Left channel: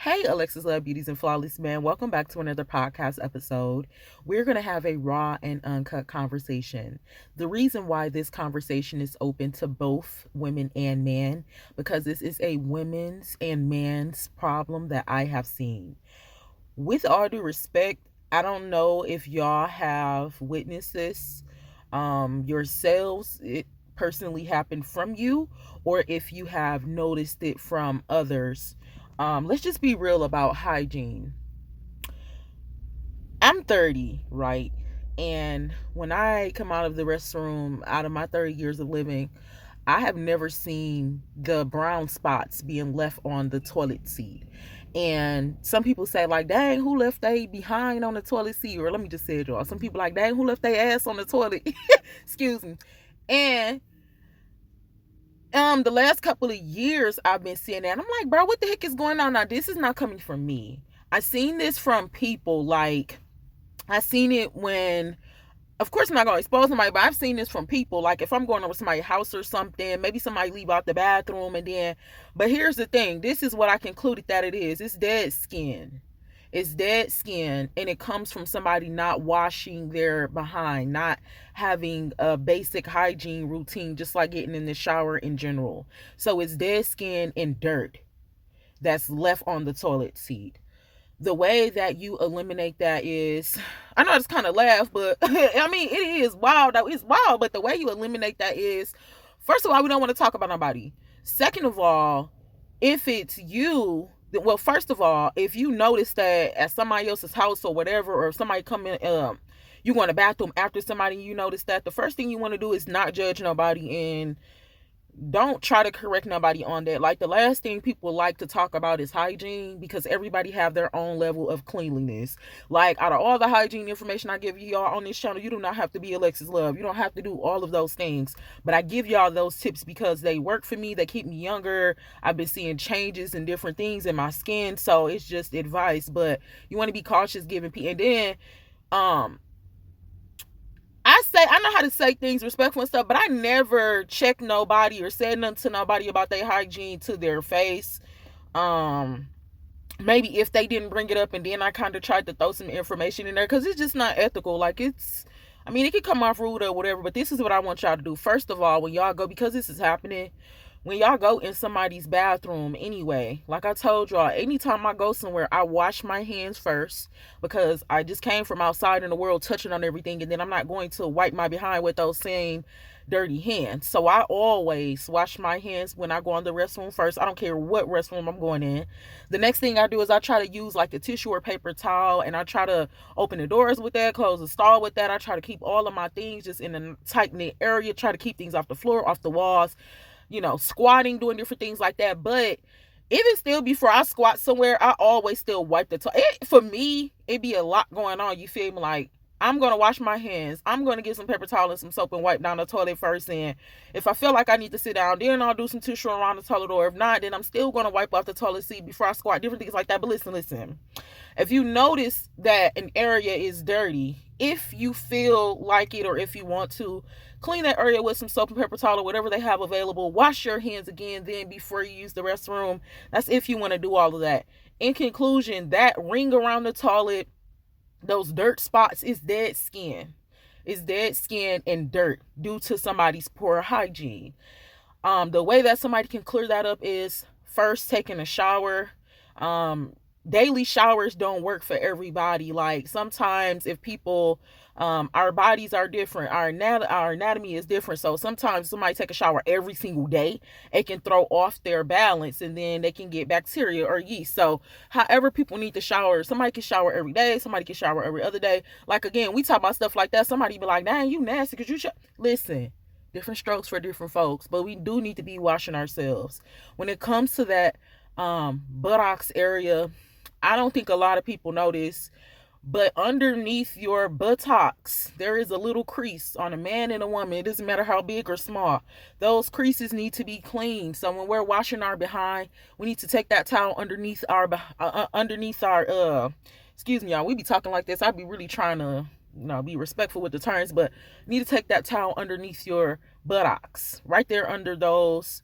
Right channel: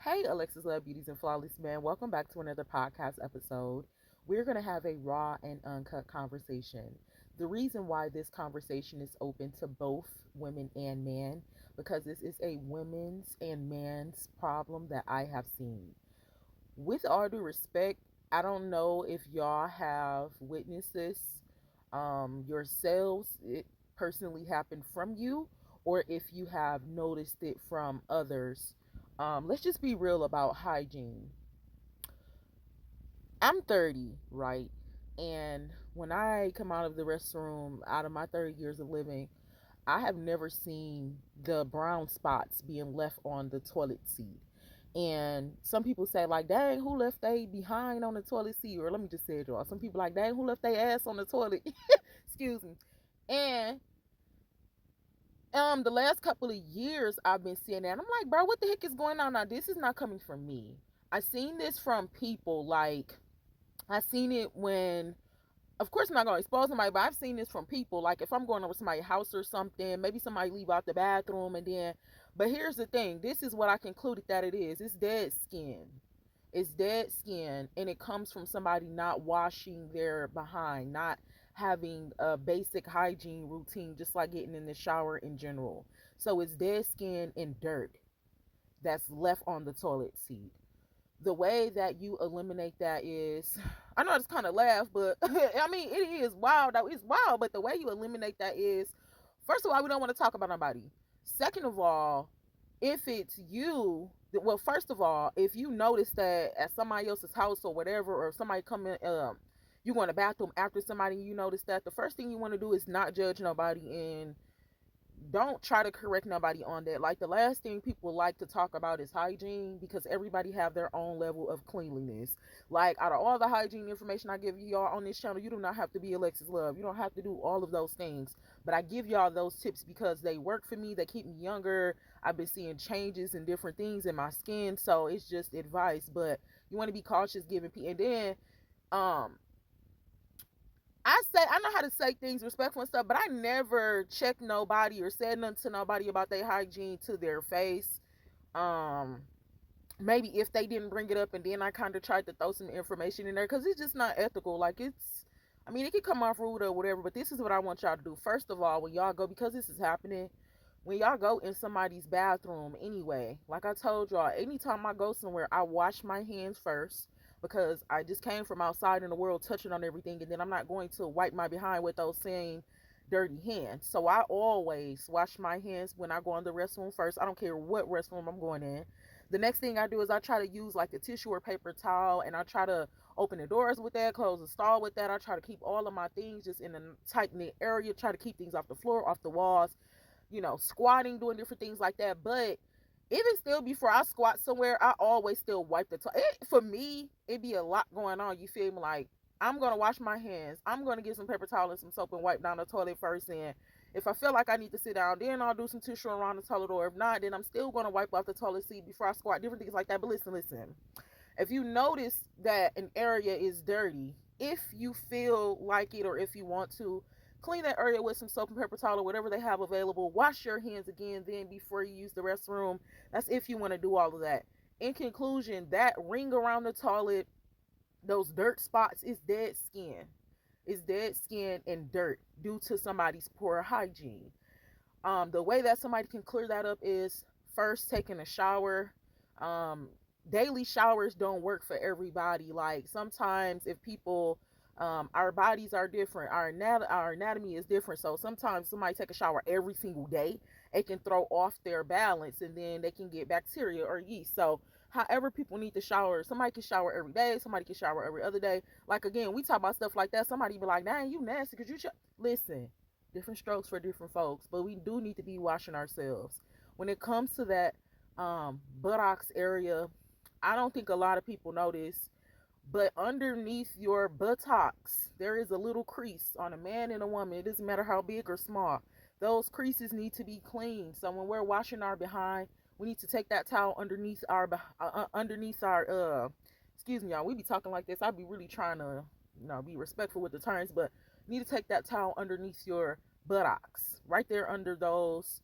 Hey, Alexis Love Beauties and Flawless Man. Welcome back to another podcast episode. We're going to have a raw and uncut conversation. The reason why this conversation is open to both women and men, because this is a women's and man's problem that I have seen. With all due respect, I don't know if y'all have witnessed this yourselves. It personally happened from you, or if you have noticed it from others. Let's just be real about hygiene. I'm 30, right? And when I come out of the restroom, out of my 30 years of living, I have never seen the brown spots being left on the toilet seat. And some people say, like, dang, who left they behind on the toilet seat? Or let me just say it, y'all. Some people like, dang, who left their ass on the toilet? Excuse me. And the last couple of years I've been seeing that. And I'm like, bro, what the heck is going on? Now, this is not coming from me. I seen this from people. Like, I seen it when, of course, I'm not gonna expose somebody, but I've seen this from people. Like, if I'm going over somebody's house or something, maybe somebody leave out the bathroom, and then, but here's the thing, this is what I concluded that it is. It's dead skin. It's dead skin, and it comes from somebody not washing their behind, not having a basic hygiene routine, just like getting in the shower in general. So it's dead skin and dirt that's left on the toilet seat. The way that you eliminate that is, I know it's kind of laugh, but I mean, it is wild. It's wild, but the way you eliminate that is, first of all, we don't want to talk about nobody. Second of all, if it's you, well, first of all, if you notice that at somebody else's house or whatever, or if somebody come in, you go in the bathroom after somebody, and you notice that, the first thing you want to do is not judge nobody, and don't try to correct nobody on that. Like, the last thing people like to talk about is hygiene, because everybody have their own level of cleanliness. Like, out of all the hygiene information I give y'all on this channel, you do not have to be Alexis Love. You don't have to do all of those things, but I give y'all those tips because they work for me. They keep me younger. I've been seeing changes and different things in my skin, so it's just advice. But you want to be cautious giving people. And then um I know how to say things respectful and stuff, but I never check nobody or said nothing to nobody about their hygiene to their face. Um, Maybe if they didn't bring it up, and then I kind of tried to throw some information in there, because it's just not ethical. Like, I mean, it could come off rude or whatever, but this is what I want y'all to do. First of all, when y'all go, because this is happening, when y'all go in somebody's bathroom anyway, like I told y'all, anytime I go somewhere, I wash my hands first, because I just came from outside in the world touching on everything, and then I'm not going to wipe my behind with those same dirty hands. So I always wash my hands when I go in the restroom first. I don't care what restroom I'm going in. The next thing I do is I try to use like the tissue or paper towel, and I try to open the doors with that, close the stall with that. I try to keep all of my things just in a tight knit area, try to keep things off the floor, off the walls, squatting, doing different things like that. But even still, before I squat somewhere, I always still wipe the toilet. For me, it be a lot going on. You feel me? Like, I'm gonna wash my hands. I'm gonna get some paper towel and some soap and wipe down the toilet first. And if I feel like I need to sit down, then I'll do some tissue around the toilet. Or if not, then I'm still gonna wipe off the toilet seat before I squat. Different things like that. But listen. If you notice that an area is dirty, if you feel like it, or if you want to, clean that area with some soap and paper towel or whatever they have available. Wash your hands again then before you use the restroom. That's if you want to do all of that. In conclusion, that ring around the toilet, those dirt spots, is dead skin. It's dead skin and dirt due to somebody's poor hygiene. The way that somebody can clear that up is first taking a shower. Daily showers don't work for everybody. Like, sometimes if people, our bodies are different, our anatomy is different, so sometimes somebody take a shower every single day, it can throw off their balance, and then they can get bacteria or yeast. So however people need to shower, somebody can shower every day, somebody can shower every other day. Like, again, we talk about stuff like that, somebody be like, dang, you nasty because listen, different strokes for different folks, but we do need to be washing ourselves. When it comes to that buttocks area, I don't think a lot of people notice, but underneath your buttocks, there is a little crease on a man and a woman. It doesn't matter how big or small. Those creases need to be cleaned. So when we're washing our behind, we need to take that towel underneath our excuse me, y'all. We be talking like this. I be really trying to, be respectful with the terms, but you need to take that towel underneath your buttocks, right there under those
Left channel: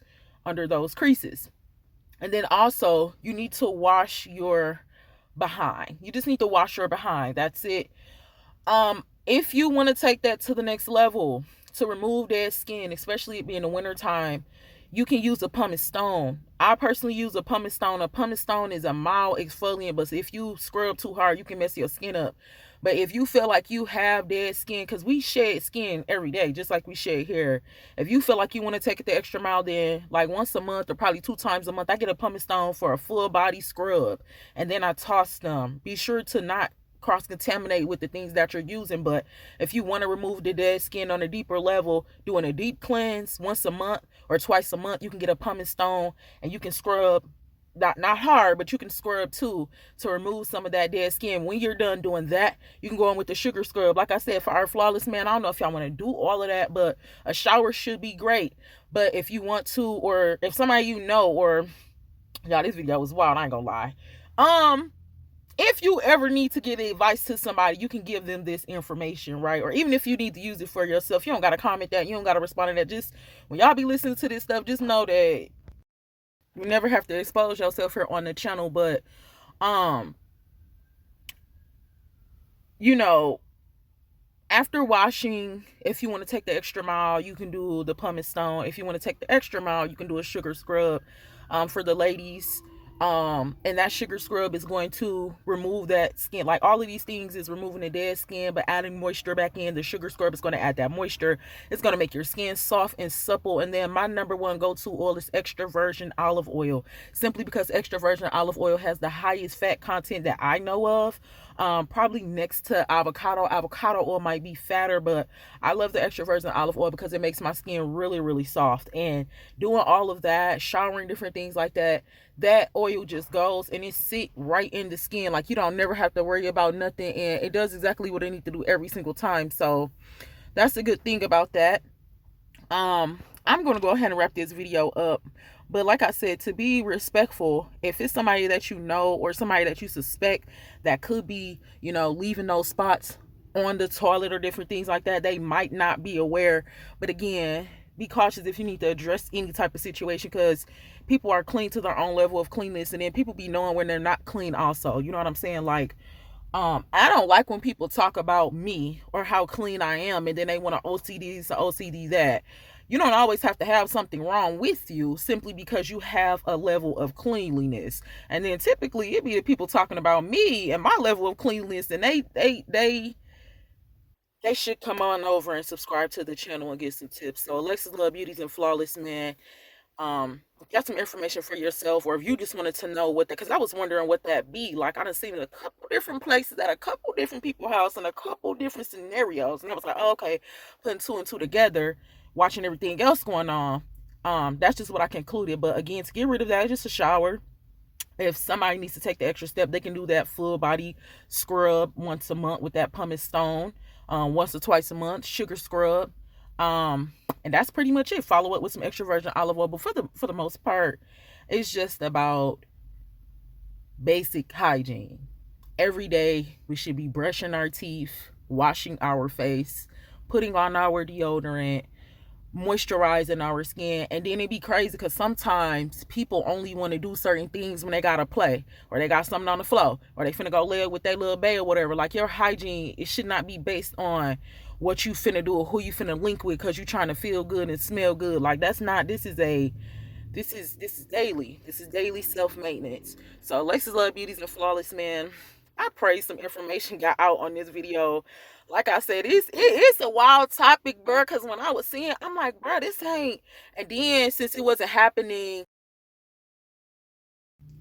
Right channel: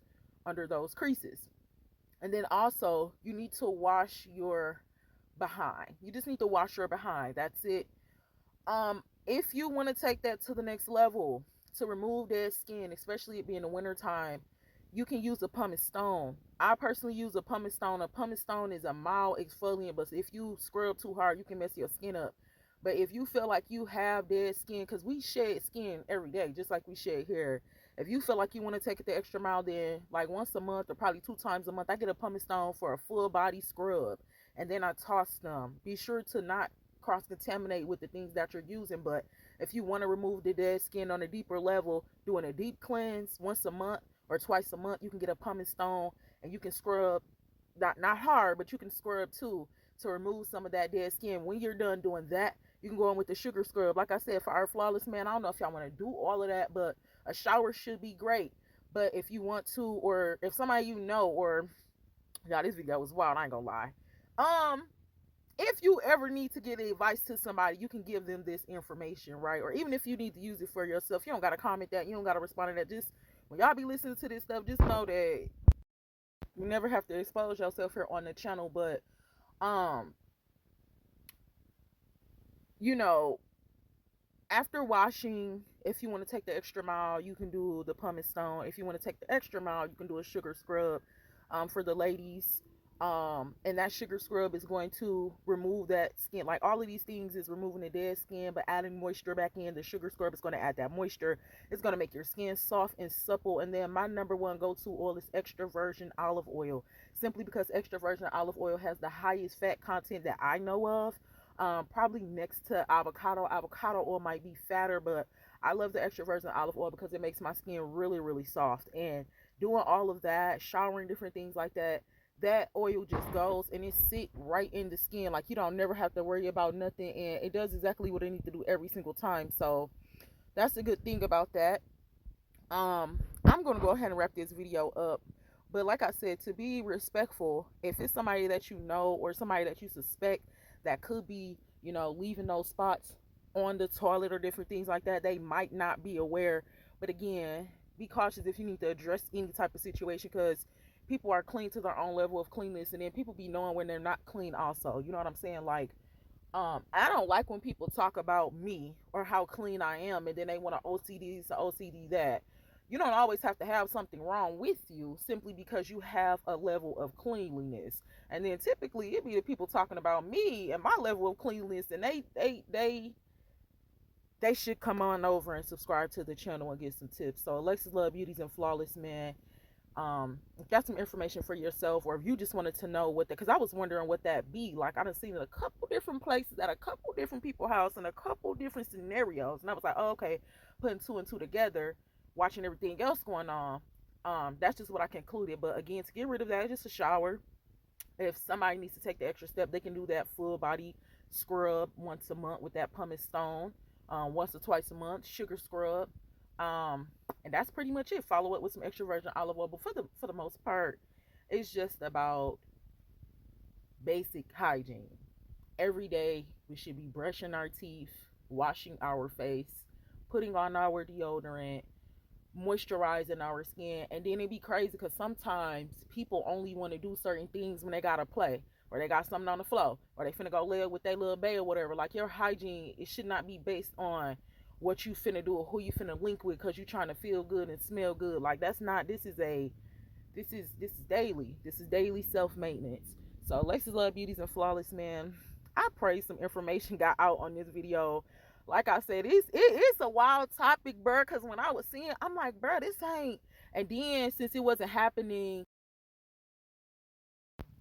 creases. And then also, you need to wash your behind. You just need to wash your behind. That's it. If you want to take that to the next level to remove dead skin, especially it being the winter time, you can use a pumice stone. I personally use a pumice stone. A pumice stone is a mild exfoliant, but if you scrub too hard, you can mess your skin up. But if you feel like you have dead skin, because we shed skin every day, just like we shed hair. If you feel like you want to take it the extra mile, then like once a month or probably 2 times a month, I get a pumice stone for a full body scrub, and then I toss them. Be sure to not cross contaminate with the things that you're using. But if you want to remove the dead skin on a deeper level, doing a deep cleanse once a month or twice a month, you can get a pumice stone and you can scrub, not hard, but you can scrub too to remove some of that dead skin. When you're done doing that, you can go in with the sugar scrub. Like I said, for our flawless man, I don't know if y'all want to do all of that, but a shower should be great. But if you want to, or if somebody you know, or y'all, this video was wild, I ain't gonna lie. If you ever need to give advice to somebody, you can give them this information, right? Or even if you need to use it for yourself, you don't got to comment that, you don't got to respond to that. Just when y'all be listening to this stuff, just know that you never have to expose yourself here on the channel. But um you know, after washing, if you want to take the extra mile, you can do the pumice stone. If you want to take the extra mile, you can do a sugar scrub. For the ladies, and that sugar scrub is going to remove that skin. Like all of these things is removing the dead skin, but adding moisture back in. The sugar scrub is going to add that moisture. It's going to make your skin soft and supple. And then my number one go-to oil is extra virgin olive oil, simply because extra virgin olive oil has the highest fat content that I know of. Probably next to avocado. Avocado oil might be fatter, but I love the extra virgin olive oil because it makes my skin really, really soft. And doing all of that, showering, different things like that, that oil just goes and it sit right in the skin. Like you don't never have to worry about nothing, and it does exactly what it needs to do every single time. So that's a good thing about that. I'm gonna go ahead and wrap this video up. But like I said, to be respectful, if it's somebody that you know or somebody that you suspect that could be, leaving those spots on the toilet or different things like that, they might not be aware. But again, be cautious if you need to address any type of situation, because people are clean to their own level of cleanness, and then people be knowing when they're not clean also. You know what I'm saying? Like, I don't like when people talk about me or how clean I am, and then they want to OCD this, OCD that. You don't always have to have something wrong with you simply because you have a level of cleanliness. And then typically it be the people talking about me and my level of cleanliness, and they should come on over and subscribe to the channel and get some tips. So Alexis Love Beauties and Flawless Man, got some information for yourself, or if you just wanted to know what that, because I was wondering what that be like. I done seen it a couple different places at a couple different people's house in a couple different scenarios, and I was like, oh, okay, putting two and two together, watching everything else going on, that's just what I concluded. But again, to get rid of that, it's just a shower. If somebody needs to take the extra step, they can do that full body scrub once a month with that pumice stone, once or twice a month, sugar scrub. And that's pretty much it. Follow up with some extra virgin olive oil. But for the most part, it's just about basic hygiene. Every day we should be brushing our teeth, washing our face, putting on our deodorant, moisturizing our skin. And then it be crazy because sometimes people only want to do certain things when they gotta play, or they got something on the floor, or they finna go live with their little bae or whatever. Like, your hygiene, it should not be based on what you finna do or who you finna link with because you trying to feel good and smell good. Like, that's not, this is daily. This is daily self-maintenance. So Alexis Love Beauties and Flawless Man, I pray some information got out on this video. Like I said, it's a wild topic, bro, because when I was seeing, I'm like, bro, this ain't. And then since it wasn't happening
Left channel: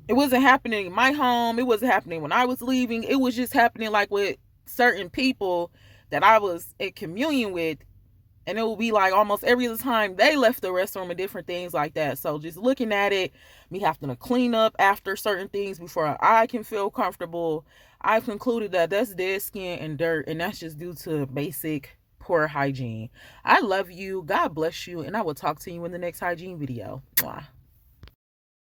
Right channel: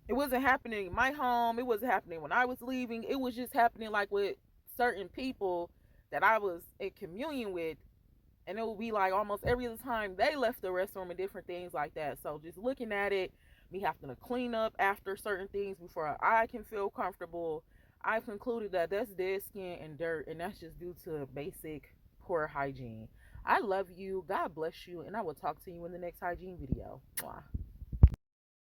in my home, it wasn't happening when I was leaving, it was just happening like with certain people that I was in communion with, and it would be like almost every other time they left the restroom and different things like that. So just looking at it, me having to clean up after certain things before I can feel comfortable, I've concluded that that's dead skin and dirt, and that's just due to basic poor hygiene. I love you. God bless you, and I will talk to you in the next hygiene video. Mwah.